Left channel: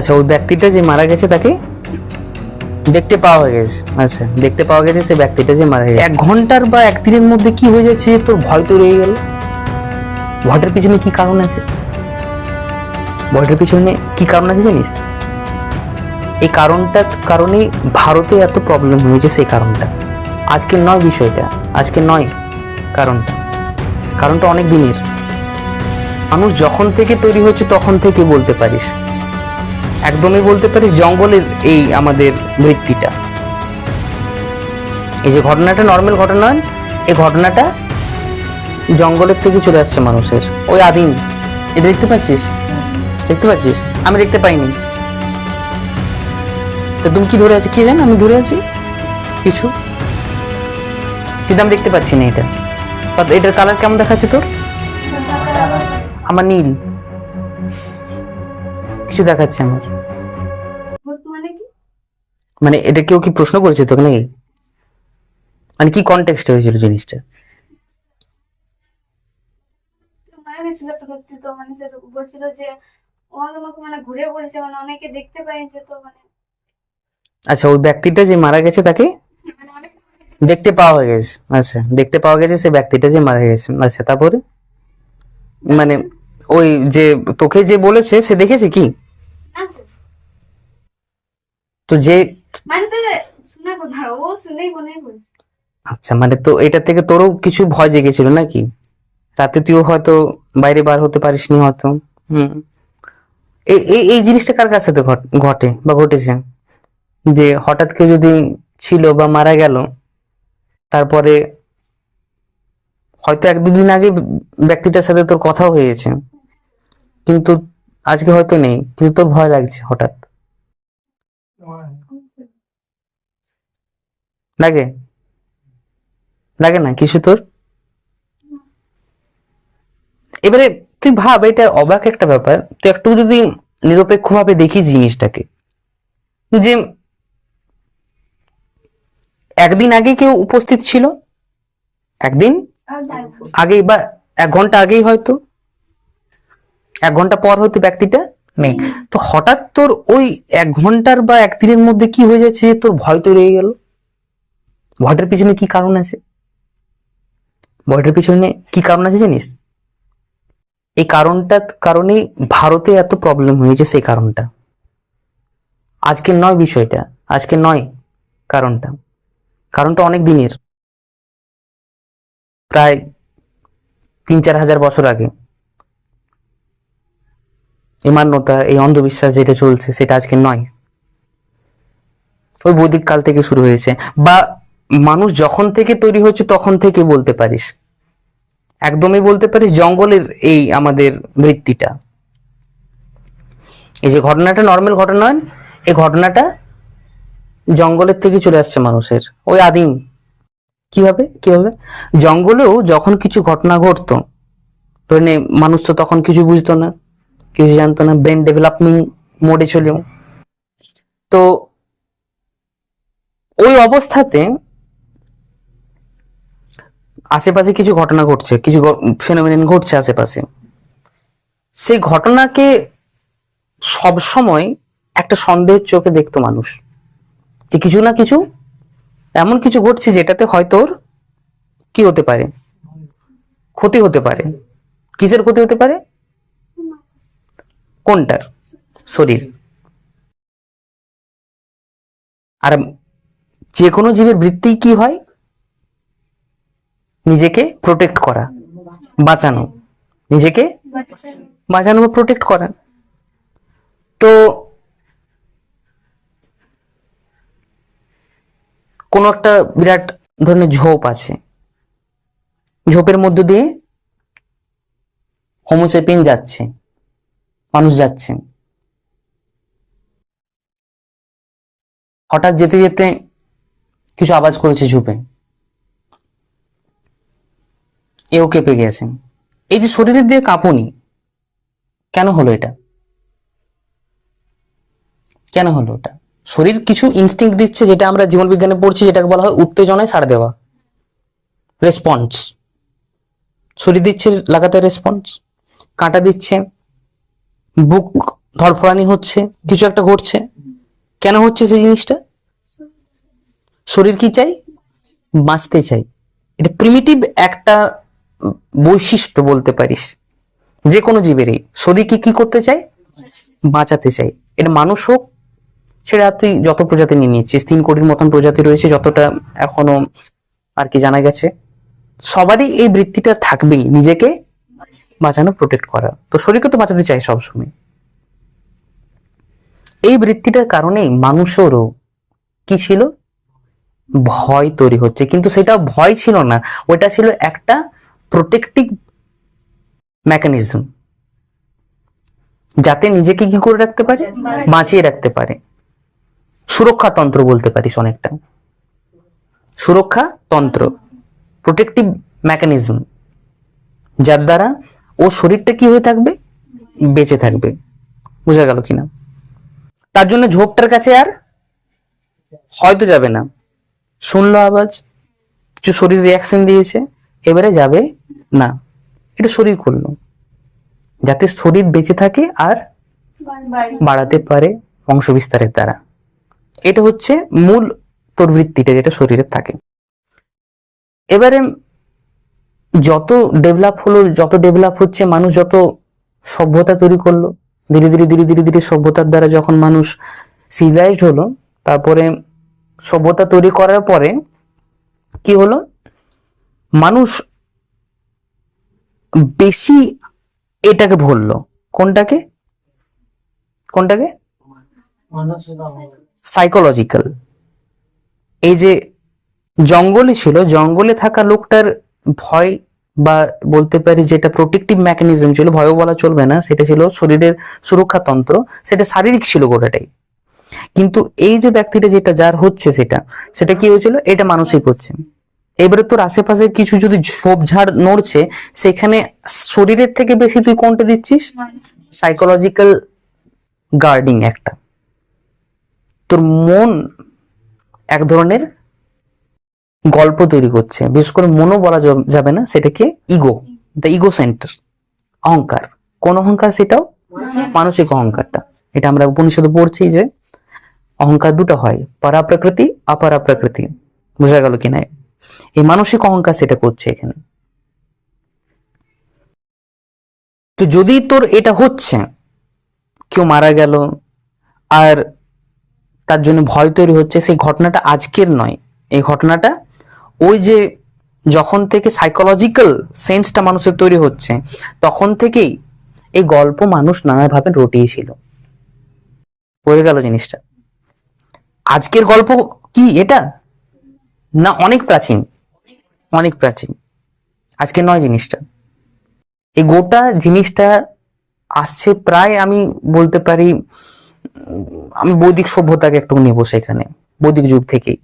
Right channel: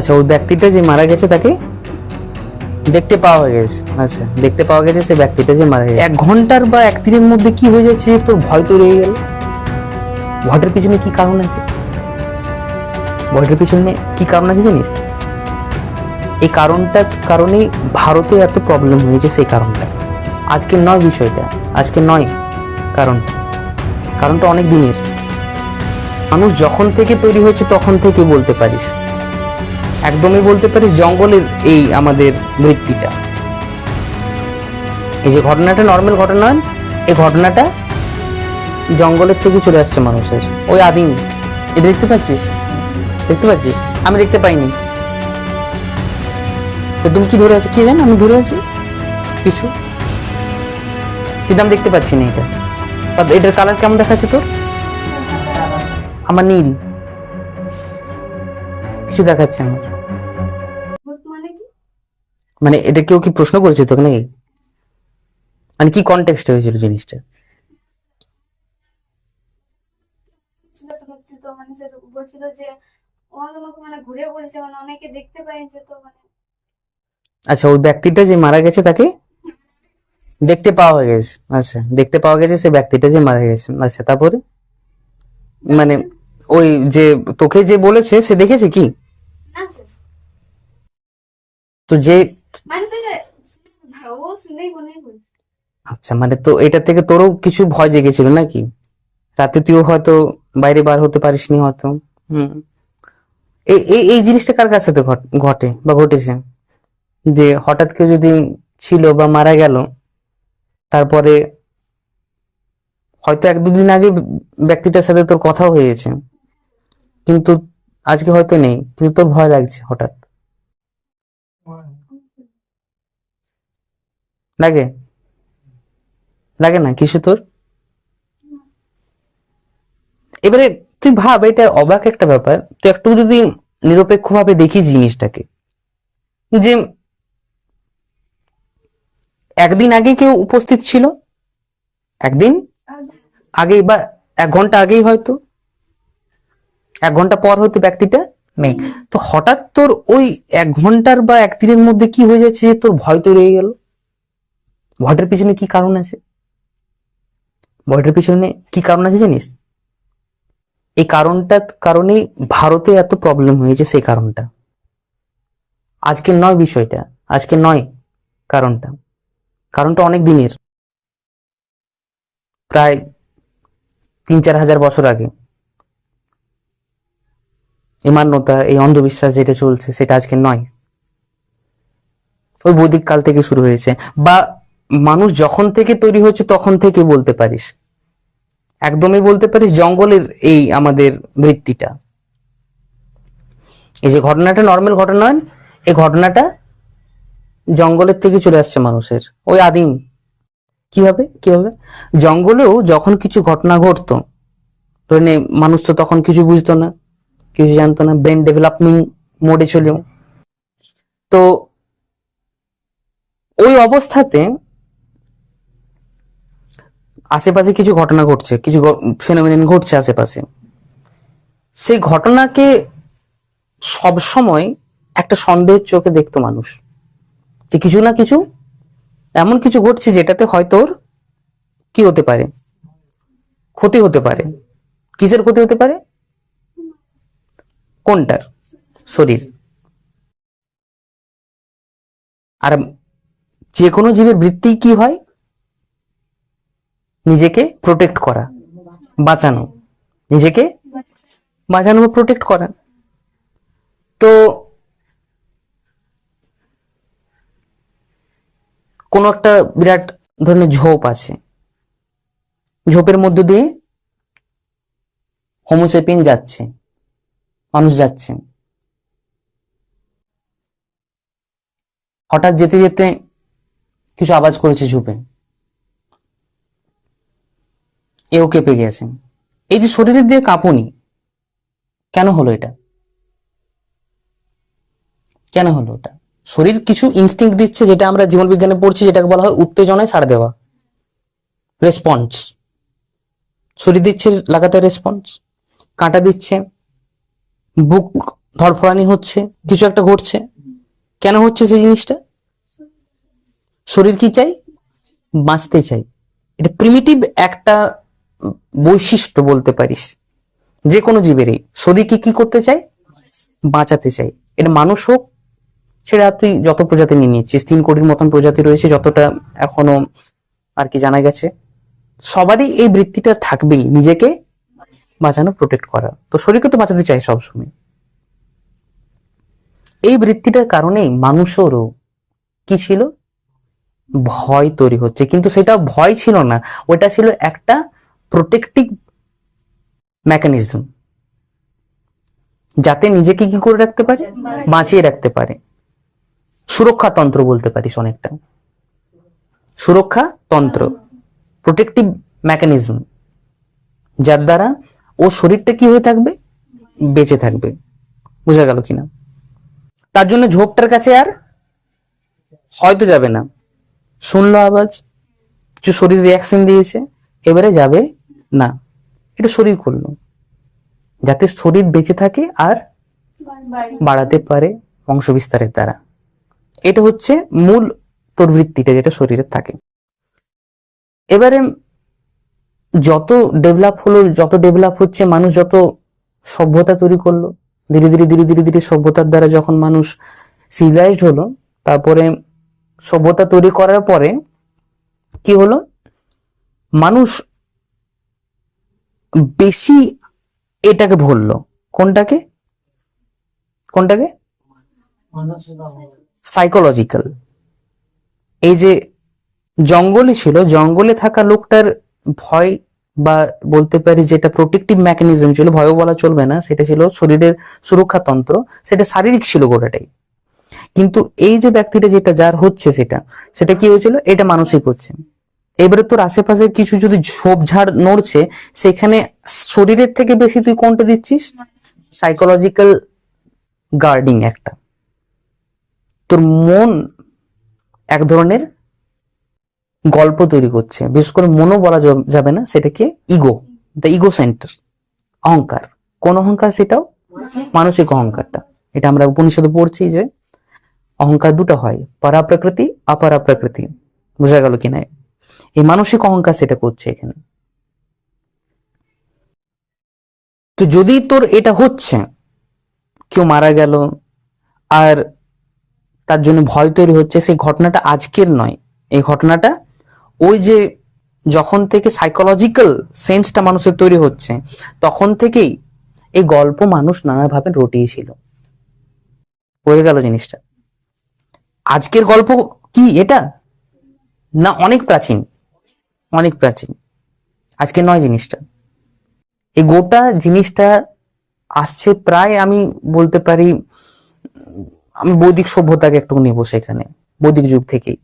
আচ্ছা, ওই ব্যক্তিটা যে মারা গেছে তাকে দেখতে পাওয়া গেছে। আচ্ছা, দেখতে পাওয়া গেছে সে ব্যক্তিটা যে মারা গেছে। 1 ঘন্টার বা 1 দিনের মধ্যে কি হয়ে যাচ্ছে তোর ভয় তো রয়ে গেল। ভয়টার পিছনে কি কারণ আছে? ভয়টার পিছনে কি কারণ আছে জানিস? এই কারণটার কারণে ভারতে এত প্রবলেম হয়েছে। সেই কারণটা আজকে নয়, বিষয়টা আজকে নয়। কারণটা কারণটা অনেক দিনের। মানুষ যখন থেকে তৈরি হচ্ছে তখন থেকে বলতে পারিস, একদমই বলতে পারিস জঙ্গলের এই আমাদের মৃত্যুটা। এই যে ঘটনাটা নর্মাল ঘটনা নয়, এই ঘটনাটা জঙ্গলের থেকে চলে আসছে মানুষের, ওই আদিম। এটা দেখতে পাচ্ছিস? দেখতে পাচ্ছিস? আমি দেখতে পাইনি। তো তুমি কি ধরে আছি? কি জানো আমি ধরে আছি কিছু, কিন্তু আমি দেখতে পাচ্ছি না এটা। আর এটার কালার কেমন দেখাচ্ছে তোর? আমার নীল কিছু দেখাচ্ছে আমার। মানে এটা কেউ কি প্রশ্ন করেছে তোকে নাকি? মানে কি কনটেক্সট হয়েছিল জিনিসটা? মারা গেছিল তো ব্যক্তি, তো মানে সে বলছিল যে ও আমাকে মানে ঘুরে বলছে, মানে অনেকে দেখতে পাইছে তো মানে আচ্ছা, ওই ব্যক্তিটা যে মারা গেছে তাকে মানে অনেক দেখতে পাওয়া গেছে। আচ্ছা, দেখতে পাওয়া গেছে সে ব্যক্তিটা যে মারা গেছে। আচ্ছা, তারপরে মানে ওই যে তোকে যে বলেছে সে দেখেছে কি? না স্যার, তো যে মানে স্যার শোনা কথা ও শুনেই মনে বলছে। আচ্ছা, মানে তো এটা থেকে তোরও কিছু ভয় জেগেছিল নাকি? রাতে তুইও হয়তো বাইরে বার হতে পারিসনি হয়তো। হুম। এই এই এই জিনিসটা কার কাছে তো ঘটে বা ঘটেছে, যে হঠাৎ কেউ যদি ছিল বা মারা গেল, তারপরে হয়তো 1-2 দিন আগে ব্যক্তিটার সাথে তোর কথা হয়ে গেছে, কিন্তু আজকে হয়তো নেই, কিন্তু তোর ভয় লাগছে হঠাৎ। লাগে? লাগে না কিছু তোর? এবারে তুই ভাব, এটা অবাক একটা ব্যাপার। তুই একটু যদি নিরপেক্ষ ভাবে দেখিস জিনিসটাকে, যে 1 দিন আগে কেউ উপস্থিত ছিল, 1 দিন আগেই বা 1 ঘন্টা আগেই, হয়তো 1 ঘন্টা পর হয়তো ব্যক্তিটা নেই। তো হঠাৎ তোর ওই 1 ঘন্টার বা 1 দিনের মধ্যে কি হয়ে যাচ্ছে যে তোর ভয় তো রয়ে গেল। ভয়টার পিছনে কি কারণ আছে? ভয়টার পিছনে কি কারণ আছে জানিস? এই কারণটার কারণে ভারতে এত প্রবলেম হয়েছে। সেই কারণটা আজকে নয়, বিষয়টা আজকে নয়। কারণটা কারণটা অনেক দিনের, প্রায় 3-4 হাজার বছর আগে। এই মান্যতা, এই অন্ধবিশ্বাস যেটা চলছে সেটা আজকে নয়, ওই বৈদিক কাল থেকে শুরু হয়েছে। বা মানুষ যখন থেকে তৈরি হচ্ছে তখন থেকে বলতে পারিস, একদমই বলতে পারিস জঙ্গলের এই আমাদের মৃত্যুটা। এই যে ঘটনাটা নর্মাল ঘটনা নয়, এই ঘটনাটা জঙ্গলের থেকে চলে আসছে মানুষের, ওই আদিম। কিভাবে কিভাবে জঙ্গলেও যখন কিছু ঘটনা ঘটতো, মানে মানুষ তো তখন কিছু বুঝতো না, কিছু জানতো না, ব্রেন ডেভেলপমেন্ট মোডে ছিল। তো ওই অবস্থাতে আশেপাশে কিছু ঘটনা ঘটছে, কিছু ফেনোমেনন ঘটছে আশেপাশে। সেই ঘটনাকে সব সময় একটা সন্দেহের চোখে দেখতো মানুষ, যে কিছু না কিছু এমন কিছু ঘটছে যেটাতে হয়তো ওর কি হতে পারে, ক্ষতি হতে পারে। কিসের ক্ষতি হতে পারে? কোনটার? শরীর। আর যে কোনো জীবের বৃত্তি কি হয়? নিজেকে প্রোটেক্ট করা, বাঁচানো, নিজেকে বাঁচানো বা প্রোটেক্ট করা। তো কোনো একটা বিরাট ধরনের ঝোপ আছে, ঝোপের মধ্য দিয়ে হোমোসেপিয়েন যাচ্ছে, মানুষ যাচ্ছে। হঠাৎ যেতে যেতে কিছু আওয়াজ করেছে ঝোপে, এও কেঁপে গেছে। এই যে শরীরের দিয়ে কাঁপুনি, কেন হলো এটা? কেন হলো ওটা? শরীর কিছু ইনস্টিংক্ট দিচ্ছে, যেটা আমরা জীবন বিজ্ঞানে পড়ছি, যেটাকে বলা হয় উত্তেজনায় সাড়া দেওয়া, রেসপন্স। শরীর দিচ্ছে লাগাতার রেসপন্স, কাঁটা দিচ্ছে, বুক ধরফরানি হচ্ছে, কিছু একটা ঘটছে। কেন হচ্ছে সেই জিনিসটা? শরীর কি চাই? বাঁচতে চাই। এটা প্রিমিটিভ একটা বৈশিষ্ট্য বলতে পারিস যে কোনো জীবেরই। শরীরকে কি করতে চায়? বাঁচাতে চাই। এটা মানুষ হোক, সেটা তুই যত প্রজাতি নিয়ে নিচ্ছিস, 3 কোটির মতন প্রজাতি রয়েছে যতটা এখনো আর কি জানা গেছে, সবারই এই বৃত্তিটা থাকবেই, নিজেকে বাঁচানো, প্রোটেক্ট করা। তো শরীরকে তো বাঁচাতে চাই সবসময়। এই বৃত্তিটার কারণেই মানুষেরও কি ছিল? ভয় তৈরি হচ্ছে। কিন্তু সেটা ভয় ছিল না, ওটা ছিল একটা প্রোটেক্টিভ মেকানিজম, যাতে নিজেকে কি করে রাখতে পারে? বাঁচিয়ে রাখতে পারে। সুরক্ষা তন্ত্র বলতে পারিস অনেকটা। সুরক্ষা তন্ত্র, প্রোটেক্টিভ মেকানিজম, যার দ্বারা ও শরীরটা কি হয়ে থাকবে? বেঁচে থাকবে। বোঝা গেল কিনা? তার জন্য ঝোপটার কাছে আর হয়তো যাবে না, শুনলো আওয়াজ, কিছু শরীর রিয়াকশন দিয়েছে, এবারে যাবে না। এটা শরীর করলো যাতে শরীর বেঁচে থাকে আর বাড়াতে পারে বংশ বিস্তারের দ্বারা। এটা হচ্ছে মূল তোর বৃত্তিটা যেটা শরীরে থাকে। এবারে যত ডেভেলপ হলো, যত ডেভেলপ হচ্ছে, মানুষ যত সভ্যতা তৈরি করলো, ধীরে ধীরে ধীরে ধীরে ধীরে সভ্যতার দ্বারা যখন মানুষ সিভিলাইজড হলো, তারপরে সভ্যতা তৈরি করার পরে কি হলো? মানুষ বেশি এটাকে ভুললো। কোনটাকে? কোনটাকে? সাইকোলজিক্যাল। এই যে জঙ্গলে ছিল, জঙ্গলে থাকা লোকটার ভয়, বা বলতে পারি যেটা প্রোটেক্টিভ মেকানিজম ছিল, ভয়ও বলা চলবে না, সেটা ছিল শরীরের সুরক্ষা তন্ত্র, সেটা শারীরিক ছিল গোটাটাই। কিন্তু এই যে ব্যক্তিটা যেটা যার হচ্ছে, সেটা সেটা কি হয়েছিল? এটা মানসিক হচ্ছে। এবারে তোর আশেপাশে কিছু যদি ঝোপঝাড় নড়ছে, সেখানে শরীরের থেকে বেশি তুই কোনটা দিচ্ছিস? সাইকোলজিক্যাল গার্ডিং একটা। তোর মন এক ধরনের গল্প তৈরি করছে, বিশেষ করে মনও বলা যাবে না, সেটাকে ইগো, দ্য ইগো সেন্টার, অহংকার। কোন অহংকার? সেটাও মানসিক অহংকারটা। এটা আমরা উপনিষদে পড়ছি যে অহংকার দুটো হয়, পারা প্রকৃতি, অপারা প্রকৃতি। বোঝা গেল কিনা? এই মানসিক অহংকার সেটা করছে এখানে। তো যদি তোর এটা হচ্ছে, কেউ মারা গেল আর তার জন্য ভয় তৈরি হচ্ছে, সেই ঘটনাটা আজকের নয়। এই ঘটনাটা ওই যে যখন থেকে সাইকোলজিক্যাল সেন্সটা মানুষের তৈরি হচ্ছে, তখন থেকেই এই গল্প মানুষ নানাভাবে রটিয়েছিল। হয়ে গেল জিনিসটা। আজকের গল্প কি এটা? না, অনেক প্রাচীন, অনেক প্রাচীন। আজকে নয় জিনিসটা। এই গোটা জিনিসটা আসছে প্রায়, আমি বলতে পারি, আমি বৈদিক সভ্যতাকে একটু নেব সেখানে। বৈদিক যুগ থেকেই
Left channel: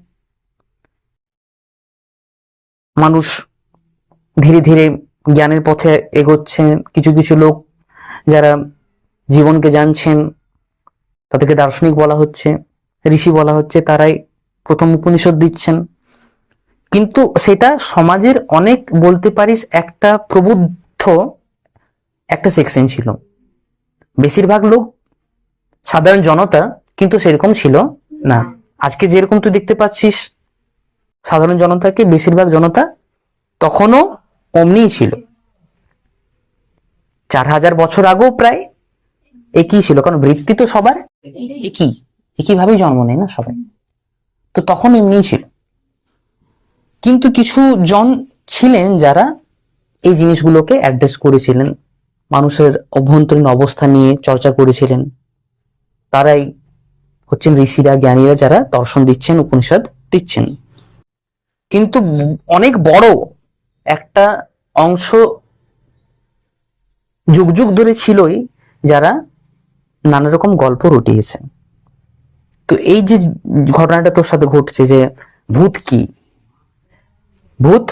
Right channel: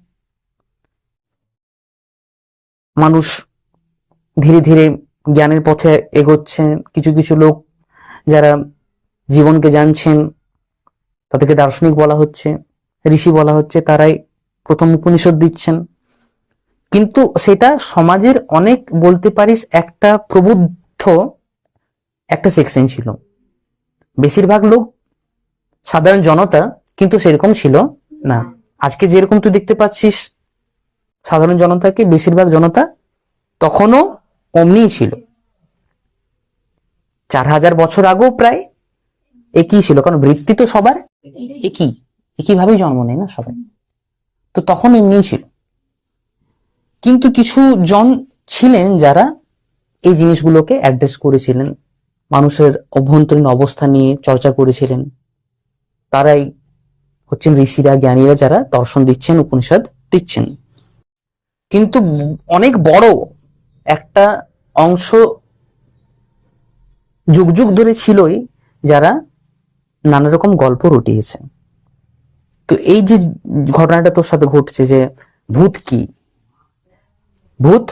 মানুষ ধীরে ধীরে জ্ঞানের পথে এগোচ্ছে। কিছু কিছু লোক যারা জীবনকে জানছেন, তাদেরকে দার্শনিক বলা হচ্ছে, ঋষি বলা হচ্ছে, তারাই প্রথম উপনিষদ দিচ্ছেন। কিন্তু সেটা সমাজের অনেক, বলতে পারিস, একটা প্রবুদ্ধ একটা সেকশন ছিল। বেশিরভাগ লোক, সাধারণ জনতা কিন্তু সেরকম ছিল না। আজকে যেরকম তুই দেখতে পাচ্ছিস সাধারণ জনতাকে, বেশিরভাগ জনতা তখনও অমনিই ছিল। 4000 বছর আগেও প্রায় একই ছিল, কারণ বৃত্তি তো সবার একইভাবেই জন্ম নেয় না সবাই, তো তখন এমনি ছিল। কিন্তু কিছু জন ছিলেন যারা এই জিনিসগুলোকে অ্যাড্রেস করেছিলেন, মানুষের অভ্যন্তরীণ অবস্থা নিয়ে চর্চা করেছিলেন। তারাই হচ্ছেন ঋষিরা, জ্ঞানীরা, যারা দর্শন দিচ্ছেন, উপনিষদ দিচ্ছেন। কিন্তু অনেক বড় একটা অংশ যুগ যুগ ধরে ছিলই যারা নানা রকম গল্প রটিয়েছে। তো এই যে ঘটনাটা তোর সাথে ঘটছে, যে ভূত কি, ভূত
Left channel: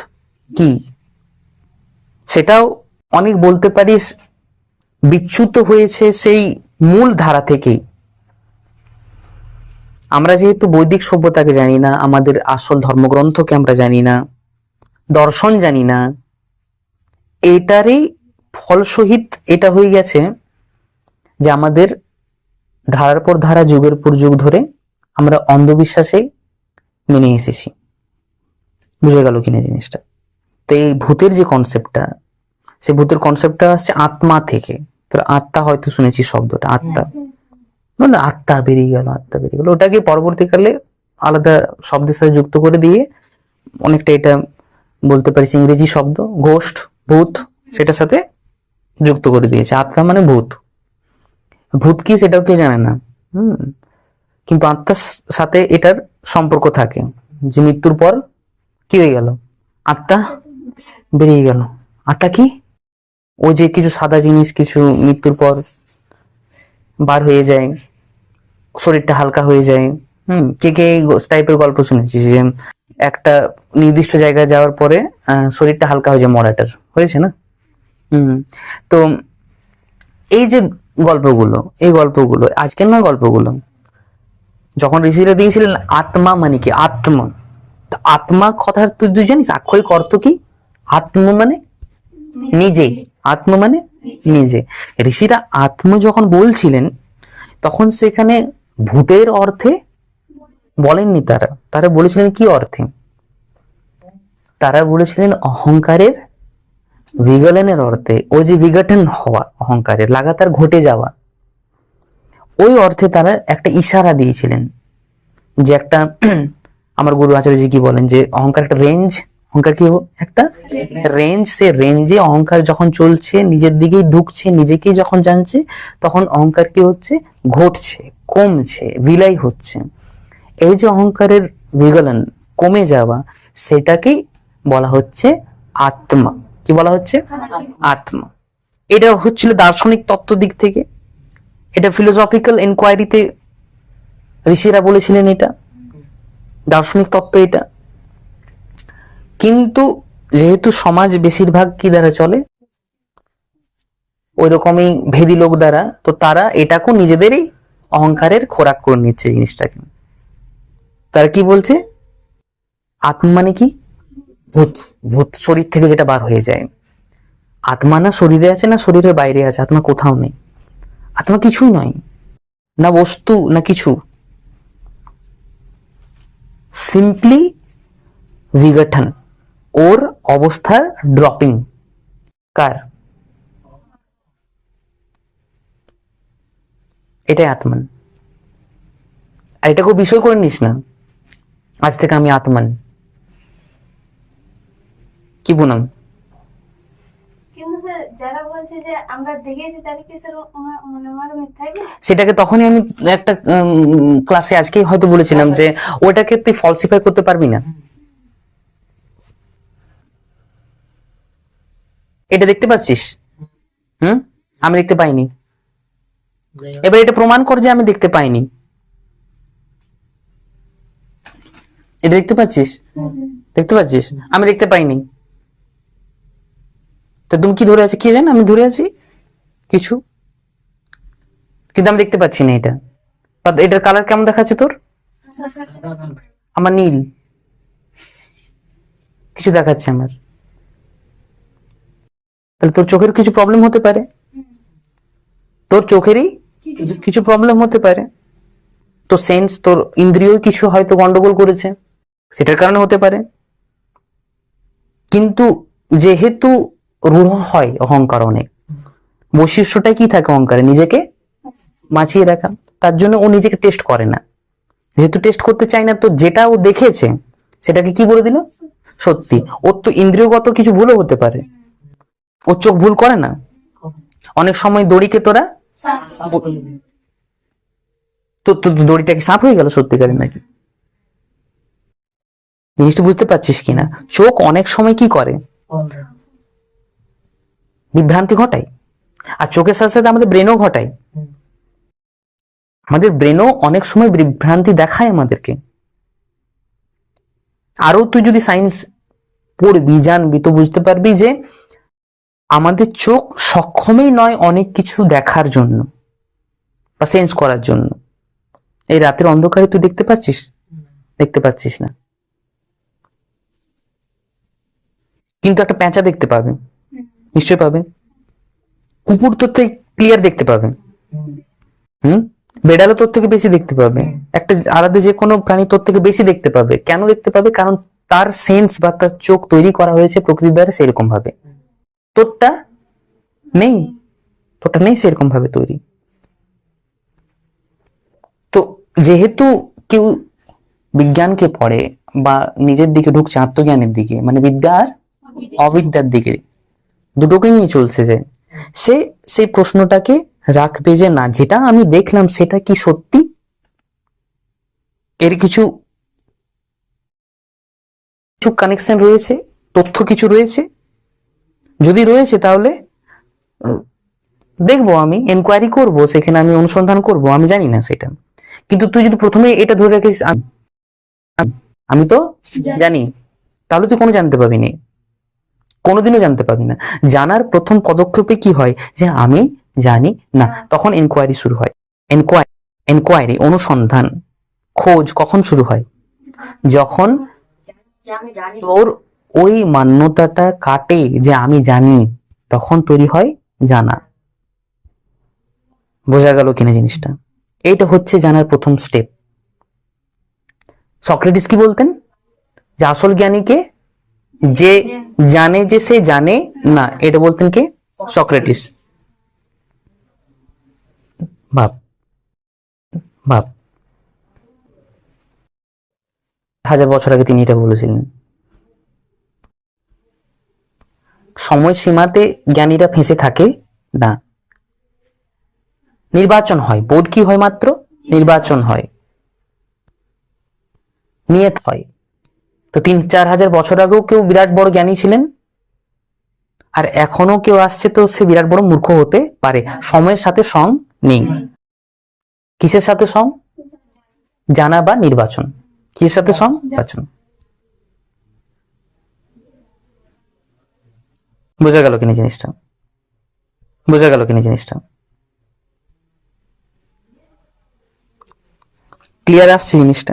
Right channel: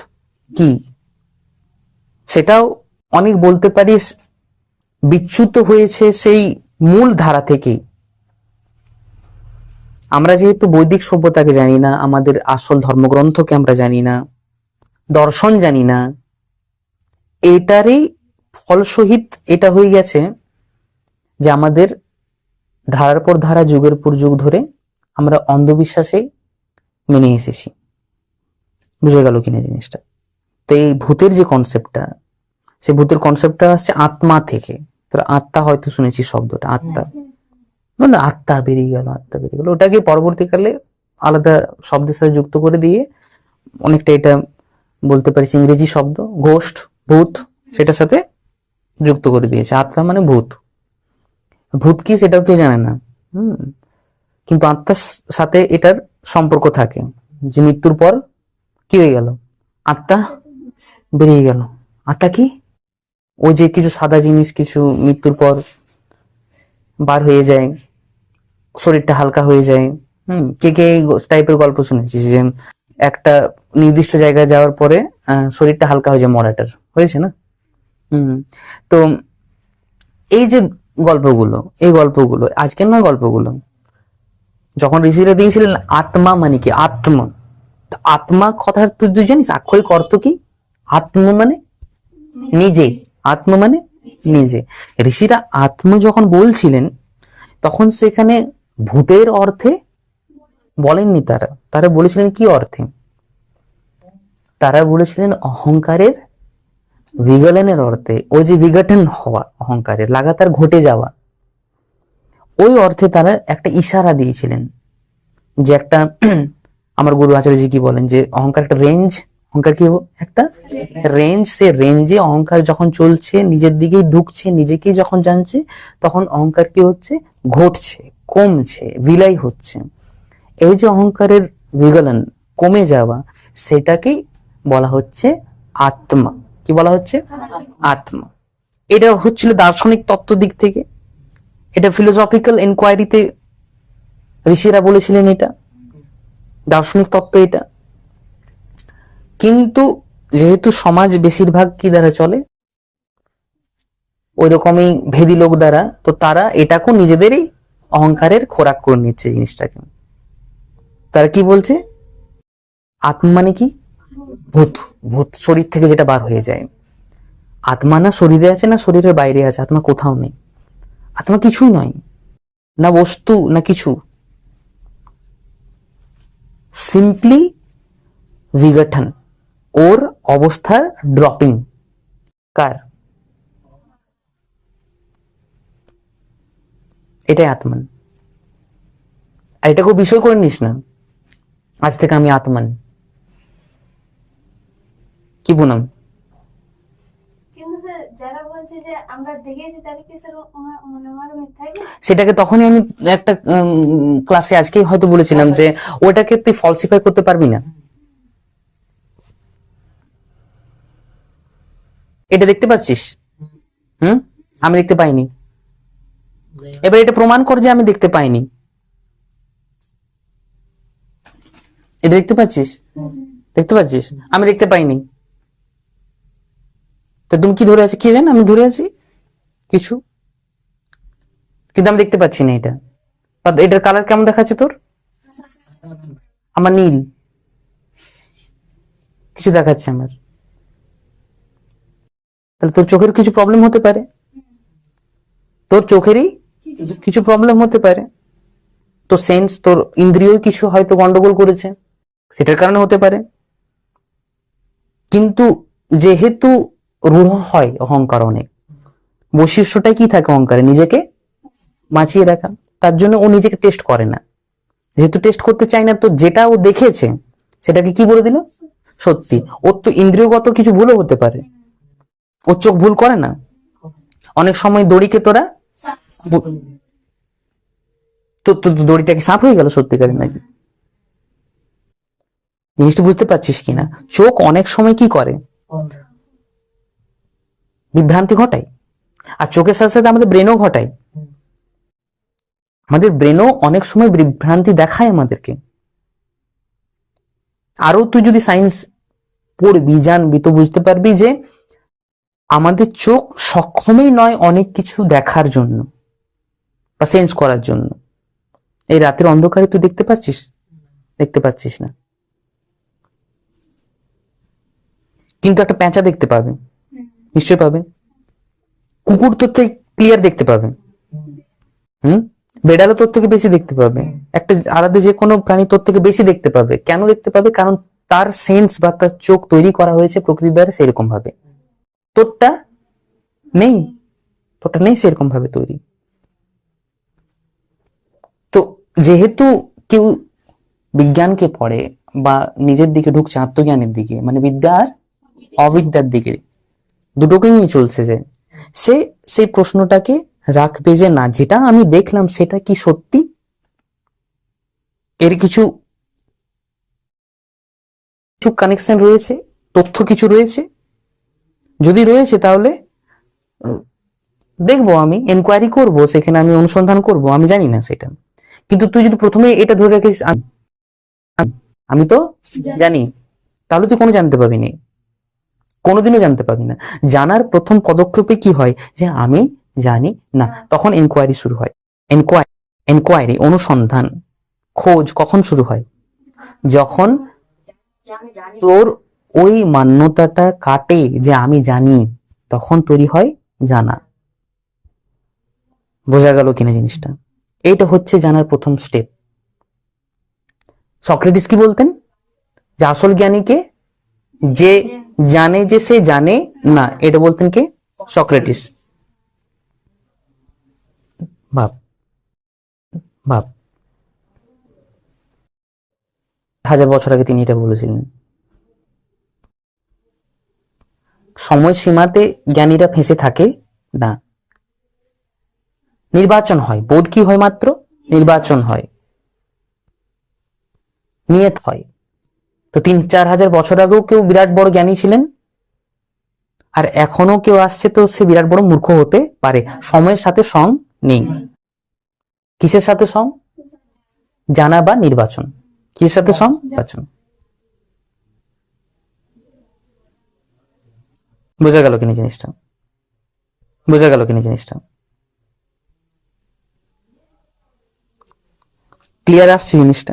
কি, সেটাও অনেক, বলতে পারিস, বিচ্যুত হয়েছে সেই মূল ধারা থেকেই। আমরা যেহেতু বৈদিক সভ্যতাকে জানি না, আমাদের আসল ধর্মগ্রন্থকে আমরা জানি না, দর্শন জানি না, এটারই ফলসহিত এটা হয়ে গেছে যে আমাদের ধারার পর ধারা, যুগের পর যুগ ধরে আমরা অন্ধবিশ্বাসে মেনে এসেছি। বুঝে গেল কিনা জিনিসটা? তো এই ভূতের যে কনসেপ্টটা, সেই ভূতের কনসেপ্টটা আসছে আত্মা থেকে। তো আত্মা হয়তো শুনেছি শব্দটা, আত্মা মানে আত্মা বেরিয়ে গেল, আত্মা বেরিয়ে গেল, ওটাকে পরবর্তীকালে আলাদা শব্দের সাথে যুক্ত করে দিয়ে অনেকটা এটা বলতে পারিস ইংরেজি শব্দ ঘোস্ট, ভূত, সেটার সাথে যুক্ত করে দিয়েছে। আত্মা মানে ভূত, ভূত কি সেটাও কেউ জানে না। কিন্তু আত্মার সাথে এটার সম্পর্ক থাকে, যে মৃত্যুর পর কি হয়ে গেল, আত্মা বেরিয়ে গেল। আত্মা কি? ওই যে কিছু সাদা জিনিস কিছু মৃত্যুর পর বার হয়ে যায়, শরীরটা হালকা হয়ে যায়। কে কে টাইপের গল্প শুনেছিস যে একটা নির্দিষ্ট জায়গায় যাওয়ার পরে শরীরটা হালকা হয়ে যায়, মরাটার হয়েছে না? তো এই যে গল্পগুলো, এই গল্পগুলো আজকের নয়, গল্পগুলো যখন ঋষিরা দিয়েছিলেন আত্মা মানে কি, আত্মা, তো আত্মা কথার তুই জানিস আক্ষরিক অর্থ কি? আত্মা মানে নিজে, আত্মা মানে নিজে। ঋষিরা আত্মা যখন বলছিলেন তখন সেখানে ভূতের অর্থে বলেননি, তারা তারা বলেছিলেন কি অর্থে? তারা বলেছিলেন অহংকারের বিগলনের অর্থে। ওই যে বিঘটন হওয়া, অহংকারের লাগাতার ঘটে যাওয়া, ওই অর্থে তারা একটা ইশারা দিয়েছিলেন। যে একটা আমার গুরু আচার্যজি কি বলেন, যে অহংকার একটা রেঞ্জ, অহংকার কি একটা রেঞ্জ, সে রেঞ্জে অহংকার যখন চলছে, নিজের দিকেই ঢুকছে, নিজেকেই যখন জানছে, তখন অহংকার কি হচ্ছে, ঘটছে, কমছে, বিলাই হচ্ছে। এই যে অহংকারের বিগলন, কমে যাওয়া, সেটাকেই বলা হচ্ছে আত্মা। কি বলা হচ্ছে? আত্মা। এটা হচ্ছিল দার্শনিক তত্ত্ব দিক থেকে, এটা ফিলোসফিক্যাল ইনকোয়ারিতে ঋষিরা বলেছিলেন, এটা দার্শনিক তত্ত্ব এটা। কিন্তু যেহেতু সমাজ বেশিরভাগ কি দ্বারা চলে, ওই রকমই ভেদি লোক দ্বারা, তো তারা এটাকে নিজেদেরই অহংকারের খোরাক করে নিচ্ছে জিনিসটাকে। তারা কি বলছে, আত্মা মানে কি, ভূত, ভূত শরীর থেকে যেটা বার হয়ে যায়। আত্মা না শরীরে আছে না শরীরের বাইরে আছে, আত্মা কোথাও নেই, আত্মা কিছুই নয়, না বস্তু না কিছু, সিম্পলি বিঘটন, ওর অবস্থার ড্রপিং। কার? এটাই আত্মান। আর এটাকে বিষয় করে নিস না আজ থেকে আমি আত্মান, কি বললাম? কিন্তু স্যার যারা বলছে যে আমরা দেখেছি, তাহলে কি স্যার মানে আমার মিথ্যাই না? সেটাকে তখনই আমি একটা ক্লাসে আজকে হয়তো বলেছিলাম যে ওটাকে তুই ফলসিফাই করতে পারবি না। এটা দেখতে পাচ্ছিস? আমি দেখতে পাইনি, এবার এটা প্রমাণ কর যে আমি দেখতে পাইনি। এটা দেখতে পাচ্ছিস? দেখতে পাচ্ছিস? আমি দেখতে পাইনি, তো তুমি কি ধরে আছি, কি জান আমি ধরে আছি কিছু, কিন্তু আমি দেখতে পাচ্ছি না এটা। এটার কালার কেমন দেখাচ্ছে তোর? আমার নীল কিছু দেখাচ্ছে আমার, তাহলে তোর চোখের কিছু প্রবলেম হতে পারে, তোর চোখেরই কিছু প্রবলেম হতে পারে, তো সেন্স, তোর ইন্দ্রিয় কিছু হয়তো গন্ডগোল করেছে, সেটার কারণে হতে পারে। কিন্তু যেহেতু রূঢ় হয় অহংকার, অনেক বৈশিষ্ট্যটাই কি থাকে অহংকারে, নিজেকে বাঁচিয়ে রাখা। তার জন্য ও নিজেকে টেস্ট করে না, যেহেতু টেস্ট করতে চায় না, তো যেটা ও দেখেছে সেটাকে কি বলে দিল সত্যি। ওর তো ইন্দ্রিয়গত কিছু ভুলও হতে পারে, ওর চোখ ভুল করে না। অনেক সময় দড়িকে তোরা তো দড়িটাকে সাপ হয়ে গেল সত্যিকারের নাকি, জিনিসটা বুঝতে পারছিস কিনা? চোখ অনেক সময় কি করে, বিভ্রান্তি ঘটায়, আর চোখের সাথে সাথে আমাদের ব্রেনও ঘটায়। আমাদের ব্রেনও অনেক সময় বিভ্রান্তি দেখায় আমাদেরকে। আরো তুই যদি সায়েন্স পড়বি, জানবি, তো বুঝতে পারবি যে আমাদের চোখ সক্ষমই নয় অনেক কিছু দেখার জন্য বা সেন্স করার জন্য। এই রাতের অন্ধকারে তুই দেখতে পাচ্ছিস? দেখতে পাচ্ছিস না, কিন্তু একটা পেঁচা দেখতে পাবে, নিশ্চয় পাবে। কুকুর তো তুই ক্লিয়ার দেখতে পাবে, বেড়ালও তোর থেকে বেশি দেখতে পাবে, একটা আলাদা যে কোনো প্রাণী তোর থেকে বেশি দেখতে পাবে। কেন দেখতে পাবে? কারণ তার সেন্স বা তার চোখ তৈরি করা হয়েছে প্রকৃতির দ্বারা সেরকম ভাবে। তোরটা নেই, তোরটা নেই সেরকম ভাবে তৈরি। তো যেহেতু কেউ বিজ্ঞানকে পড়ে বা নিজের দিকে ঢুকছে আত্মজ্ঞানের দিকে, মানে বিদ্যা আর অবিদ্যার দিকে, দুটোকে নিয়ে চলছে, যে সে সেই প্রশ্নটাকে রাখবে যে না, যেটা আমি দেখলাম সেটা কি সত্যি, এর কিছু কানেকশন রয়েছে, তথ্য কিছু রয়েছে। যদি রয়েছে তাহলে দেখবো, আমি এনকোয়ারি করব, সেখানে আমি অনুসন্ধান করব, আমি জানি না সেটা। কিন্তু তুই যদি প্রথমে এটা ধরে রাখিস আমি তো জানি, তাহলে তুই কোনো জানতে পাবি না, কোনোদিনও জানতে পাবি না। জানার প্রথম পদক্ষেপে কি হয়, যে আমি জানি না, তখন এনকোয়ারি শুরু হয়। এনকোয়ারি, অনুসন্ধান, খোঁজ কখন শুরু হয়? যখন তোর ওই মান্যতাটা কাটে যে আমি জানি, তখন তৈরি হয় জানা। বোঝা গেল কিনা জিনিসটা? এইটা হচ্ছে জানার প্রথম স্টেপ। সক্রেটিস কি বলতেন? যে আসল জ্ঞানীকে যে জানে যে সে জানে না, এটা বলতেন কে? সক্রেটিস। ভাব ভাব 1000 বছর আগে তিনি এটা বলেছিলেন। সময় সীমাতে জ্ঞানীরা ফেঁসে থাকে না, নির্বাচন হয়। বোধ কি হয়? মাত্র নির্বাচন হয়, নিয়ত হয়। তো 3-4 হাজার বছর আগেও কেউ বিরাট বড় জ্ঞানী ছিলেন, আর এখনো কেউ আসছে তো সে বিরাট বড় মূর্খ হতে পারে। সময়ের সাথে সং নেই। কিসের সাথে সং? জানা বা নির্বাচন। কিসের সাথে সং? নির্বাচন। বোঝা গেল কিনা জিনিসটা? বোঝা গেল কিনা জিনিসটা? ক্লিয়ার আসছে জিনিসটা?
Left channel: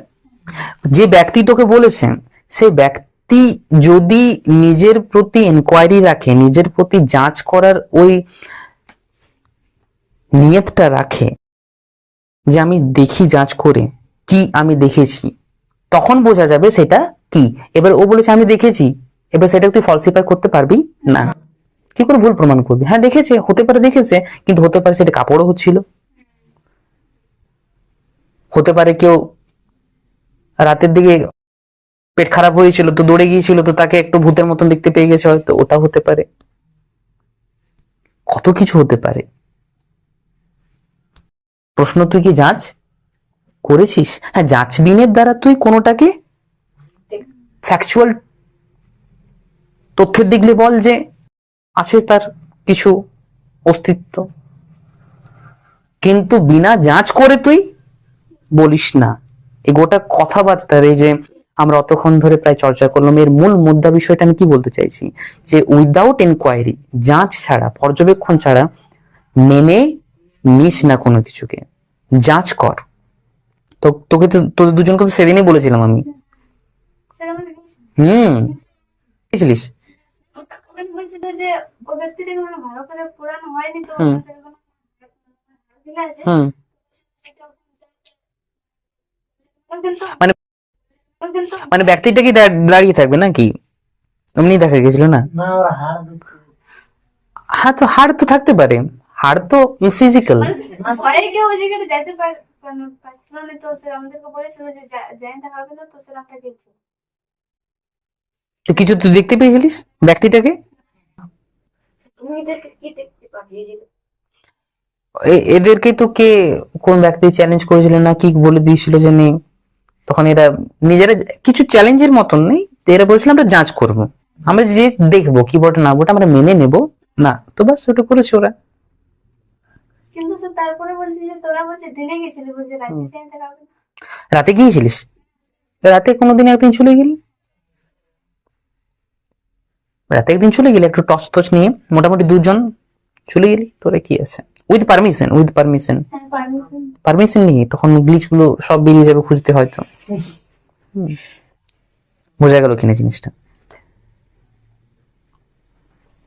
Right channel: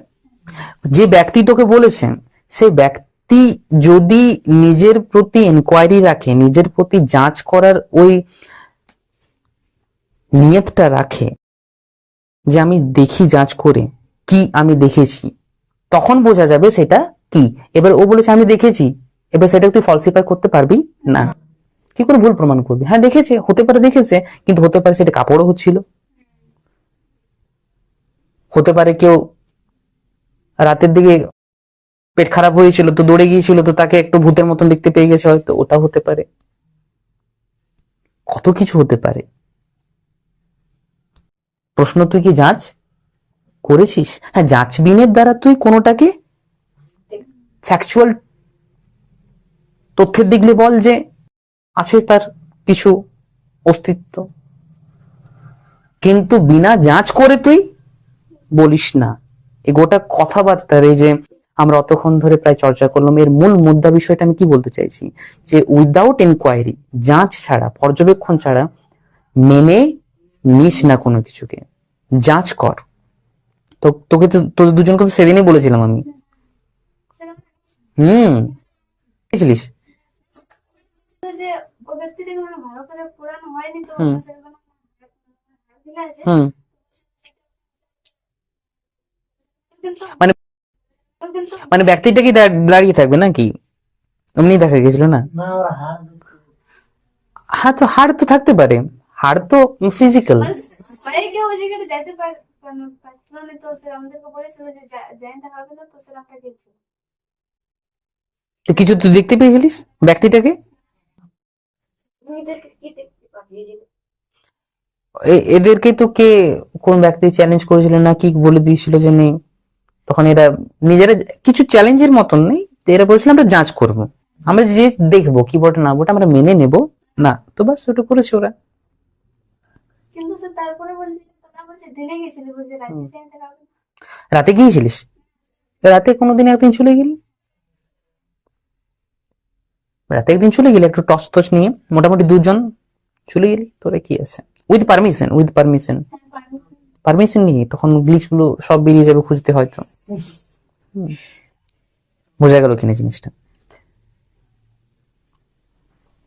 যে ব্যক্তি তোকে বলেছেন, সেই ব্যক্তি যদি নিজের প্রতি এনকোয়ারি রাখে, নিজের প্রতি যাচ করার ওই নিয়তটা রাখে, যে আমি দেখি যাচ করে কি আমি দেখেছি, তখন বোঝা যাবে সেটা কি। এবার ও বলেছে আমি দেখেছি, এবার সেটা তুই ফলসিফাই করতে পারবি না। কি করে ভুল প্রমাণ করবি? হ্যাঁ দেখেছে, হতে পারে দেখেছে, কিন্তু হতে পারে সেটা কাপড়ও হচ্ছিল, হতে পারে কেউ রাতের দিকে পেট খারাপ হয়েছিল তো দৌড়ে গিয়েছিল, তো তাকে একটু ভূতের মতন দেখতে পেয়ে গেছে, হয়তো ওটা হতে পারে, কত কিছু হতে পারে। প্রশ্ন তুই কি যাচ করেছিস? হ্যাঁ, যাচবিনের দ্বারা তুই কোনোটাকে ফ্যাকচুয়াল তথ্যের দিকলে বল যে আছে তার কিছু অস্তিত্ব, কিন্তু বিনা যাচ করে তুই বলিস না। এই গোটা কথাবার্তার এই যে আমরা অতক্ষণ ধরে প্রায় চর্চা করলাম, এর মূল মুদ্রা বিষয়টা আমি কি বলতে চাইছি, যে উইদাউট এনকোয়ারি, যাচ ছাড়া, পর্যবেক্ষণ ছাড়া মেনে নিস না কোনো কিছুকে, যাচ কর। তো তোকে তো তোদের দুজনকে তো সেদিনই বলেছিলাম আমি। বুঝলিস? বলছিল যে ও ব্যক্তিটাকে মানে ভালো করে পুরানো হয়নি, তো সেরকম আছে। মানে মানে ব্যক্তিটা কি দাঁড়িয়ে থাকবে নাকি? এমনি দেখা গেছিল না? হ্যাঁ, তো হাড় তো থাকতে পারে, হাড় তো ফিজিক্যাল। ভয়ে কেউ ওই জায়গাটা যাইতে পারছিল না, তো সে আমাদেরকে বলেছিল যে জানতে হবে না, তো সেরকমটা দেখছি। তো কিছু তুই দেখতে পেয়েছিলিস ব্যক্তিটাকে? এদেরকে তো কে, কোন ব্যক্তি চ্যালেঞ্জ করেছিল না কি বলে দিয়েছিল যে নেই, তখন এরা নিজেরা কিছু চ্যালেঞ্জের মতন নেই, তো এরা বলেছিল আমরা যাচ করব, আমরা যে দেখবো কি বটে না বটে আমরা মেনে নেব না, তো বাস ওটা করেছে ওরা। কিন্তু সে তারপরে বলছে যে তোরা বলছে দিনে গেছিলি, বুঝে রাতে জানতে হবে। রাতে গিয়েছিলিস? রাতে কোনোদিন একদিন চলে গেলি, রাতে একদিন চলে গেলি একটু টস টস নিয়ে, মোটামুটি 2 জন চলে গেলি, তোরা কি আছে, উইথ পারমিশন, পারমিশন নিয়ে, তখন গ্লিচ গুলো সব বেরিয়ে যাবে খুঁজতে হয়তো। বোঝা গেল কিনা জিনিসটা?